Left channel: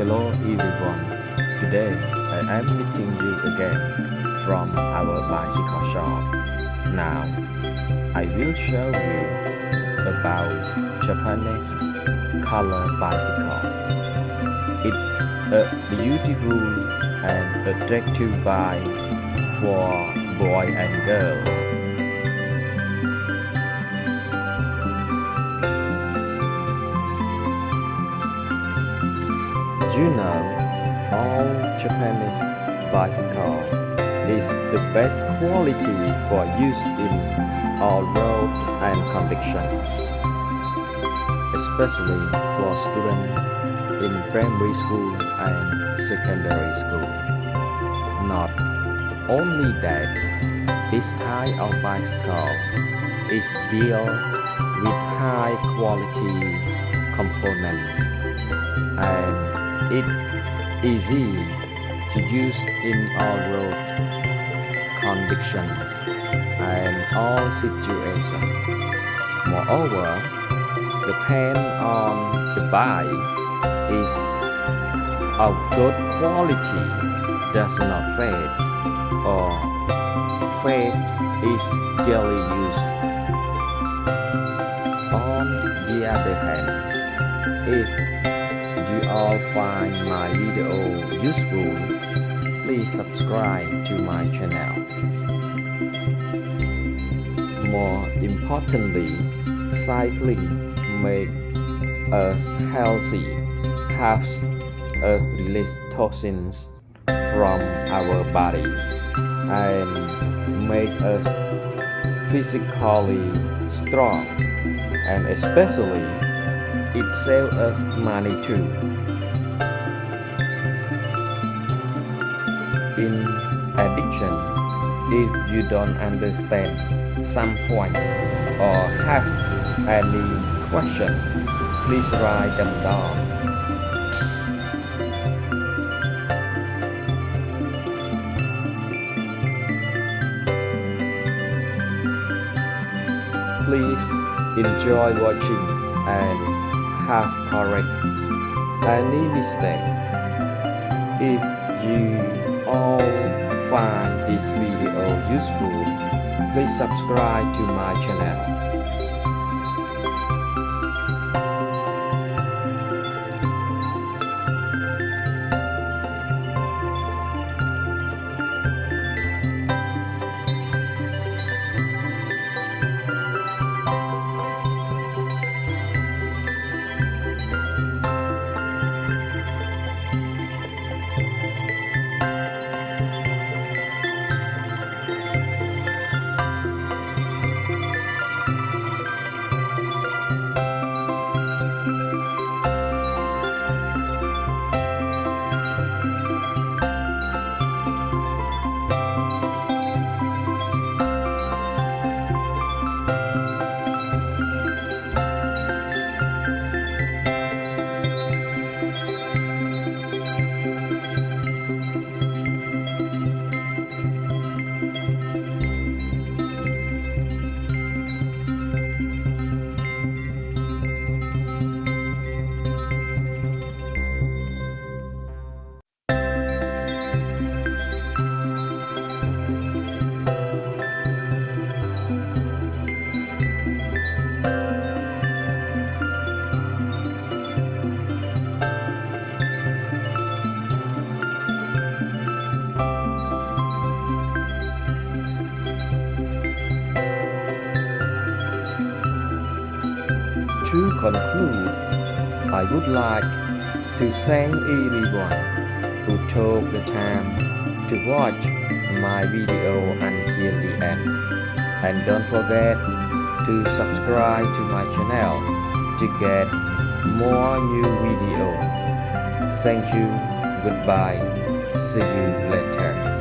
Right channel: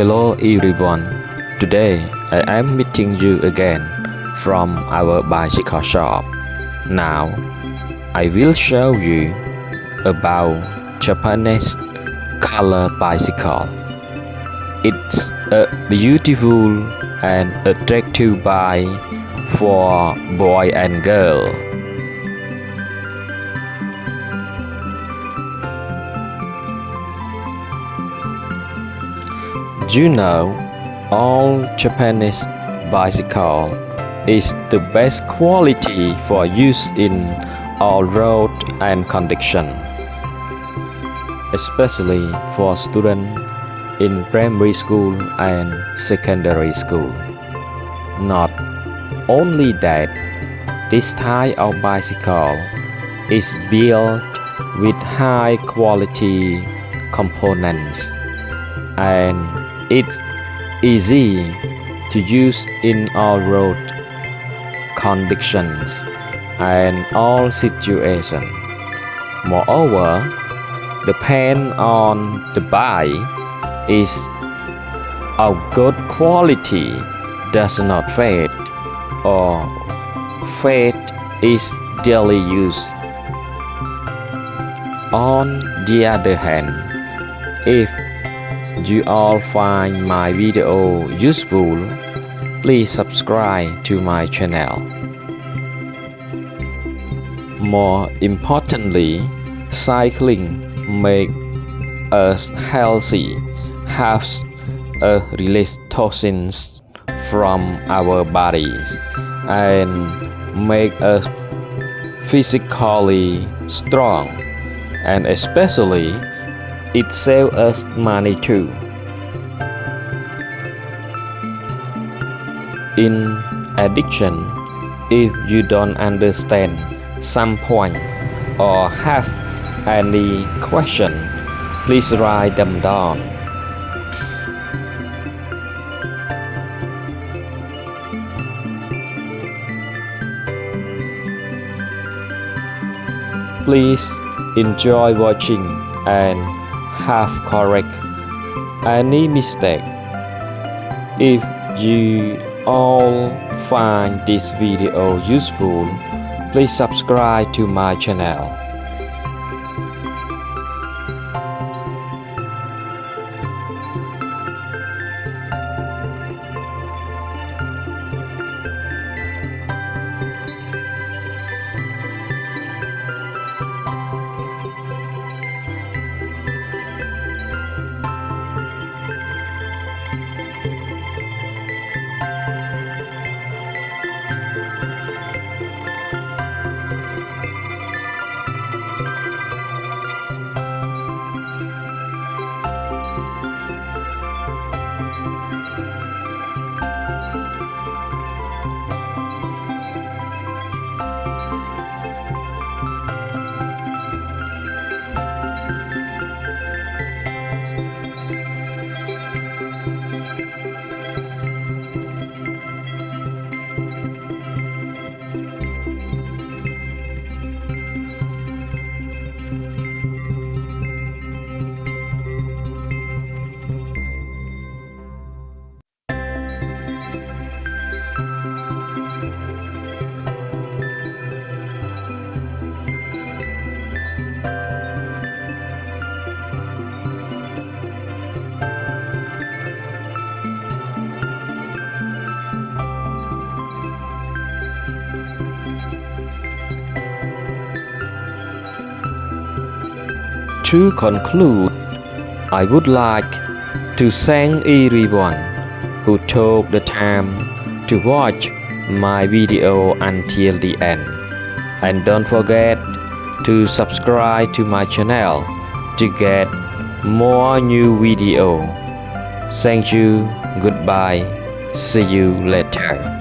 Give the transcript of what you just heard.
Hello everyone. Today I am meeting you again from our bicycle shop. Now I will show you about Japanese color bicycle. It's a beautiful and attractive bike for boy and girl. You know, all Japanese bicycle is the best quality for use in all road and condition, especially for students in primary school and secondary school. Not only that, this type of bicycle is built with high quality components and it's easy to use in all road conditions and all situations. Moreover, the paint on the bike is of good quality, does not fade or fade is daily use. On the other hand, if you all find my video useful, please subscribe to my channel. More importantly, cycling makes us healthy, helps us release toxins from our bodies, and make us physically strong, and especially it saves us money too. In addition, if you don't understand some point or have any question, please write them down. Please enjoy watching and have correct any mistake. If you all find this video useful, please subscribe to my channel. To conclude, I would like to thank everyone who took the time to watch my video until the end. And don't forget to subscribe to my channel to get more new videos. Thank you, goodbye, see you later.